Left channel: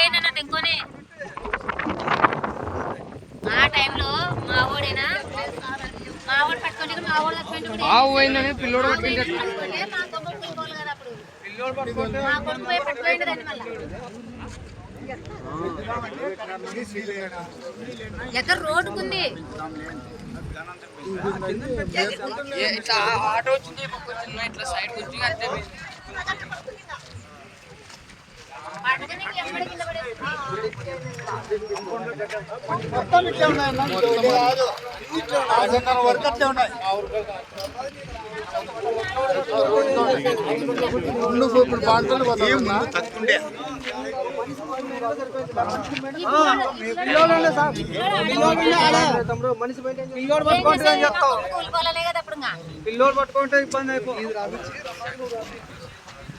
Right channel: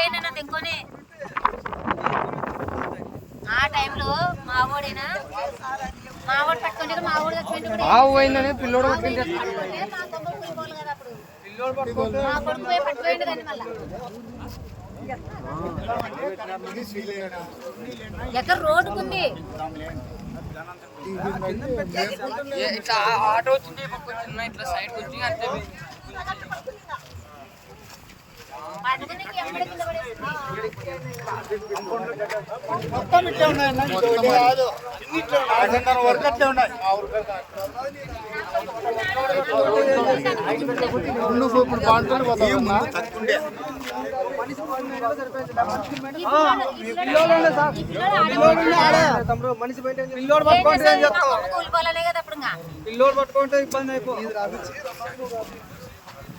పోయిందన్న తెంకొని ఆ టైంలో మా ఓడేనా మా ఓడు పెట్టుకుంటే మా ఓడు పెట్టుకుంటే ఆవు పోయిందని పిల్లోడు పట్టుకుంటే మా కొమ్మ కూలిపోవాలి కదా అప్పుడు. మా కొడుకు పోయి పట్టుకోండి దాన్ని మళ్ళా. ఎక్కడ రోడ్డుకుంది ఆటో వచ్చింది చిన్న ఇట్లా సైడ్ వచ్చి అంతే. మొత్తం ఇట్లా ఉన్నాయి మనిషి బయట ఏం పిల్లోడు పట్టుకుంటే ఇబ్బంది అయిపోయింది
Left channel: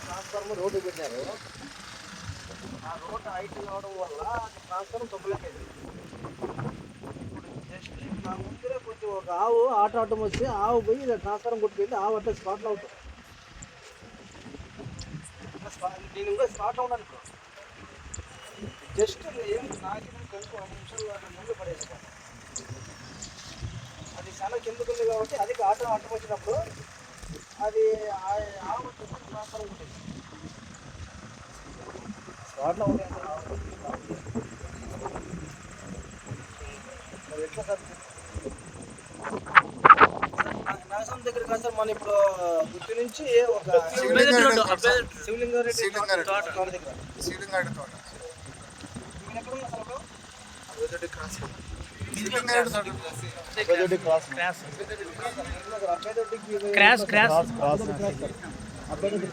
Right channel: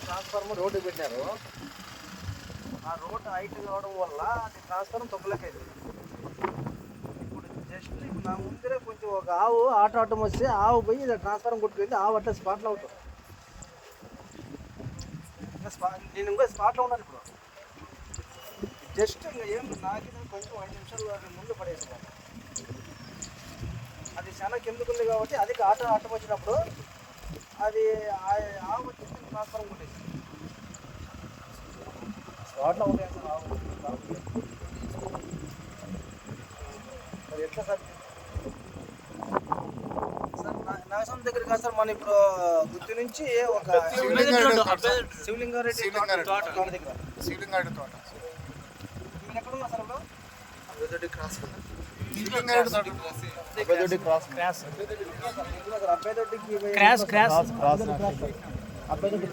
ట్రాన్స్ఫార్మర్ రోడ్డు పెట్టారు. ఆ రోడ్డు హైట్ కావడం వల్ల ట్రాన్స్ఫార్మర్ తొక్కలేకపోయింది ముందరే కొంచెం ఒక ఆవు ఆట ఆటం వస్తే ఆవు పోయి ఇలా ట్రాన్స్ఫారం కొట్టుకెళ్ళి ఆవు అట్టే స్పాట్లో అవుతాం. ఇంకా నేను ఇంకా స్పాట్లో ఉన్నాను ఇప్పుడు. జస్ట్ ఏం నాకు కొంచెం ఐదు నిమిషాలు ముందు పడేసాను. అది చాలా కిందకు ఉంది కాబట్టి అది ఆట ఆటం వచ్చినప్పుడు అది ఆవు వచ్చేసి ట్రాన్స్ఫారం ఉంటుంది స్పాట్లో ఉంటాయి అసలు ఆవు. మరి ఎట్లా సార్ దగ్గర కాదు సార్ మన ఇప్పుడు గుత్తి నుంచి ఒక శివలింగారెడ్డి తోట దగ్గర. ఇక్కడ cross cross cross cross, cross. Abbayidoddi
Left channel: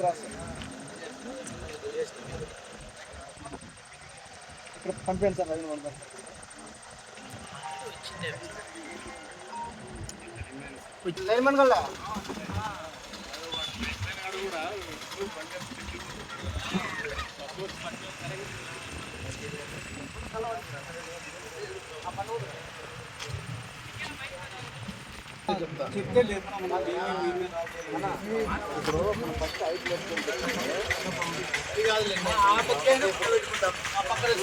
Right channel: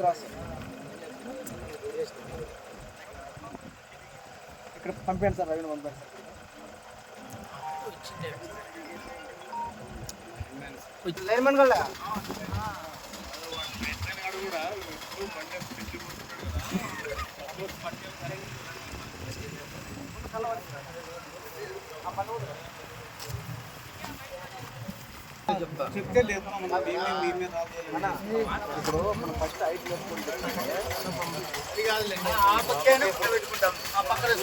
lineman చెప్తే ఇప్పుడు మనం ఫస్ట్ ఐదు వేసుకుంటే ఆ పక్కనే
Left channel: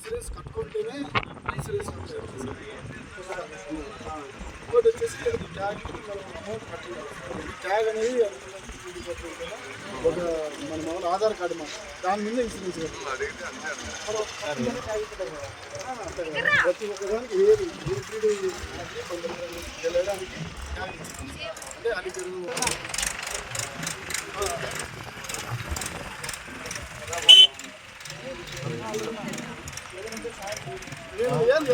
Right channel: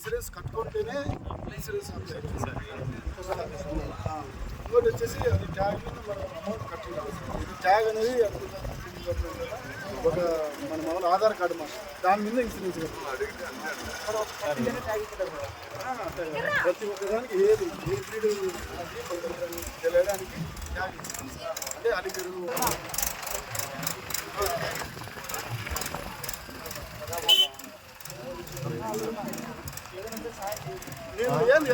ఇన్సూరెన్స్ కట్టుకుంటేనే ఇన్సూరెన్స్ ఇంకోటి వచ్చేసి అది ట్యాగ్ మీద మనం అమౌంట్ కట్టి ఇది ట్యాగ్ అనేది ఒక మన మన ఆధార్ కార్డు మన దాని మీద ఇన్సూరెన్స్ కట్టాలి ప్రతి ఒక్కదానికి ఏది? ఏ బ్రీడ్ ఏది అది ట్యాగ్ అంటే అది నేను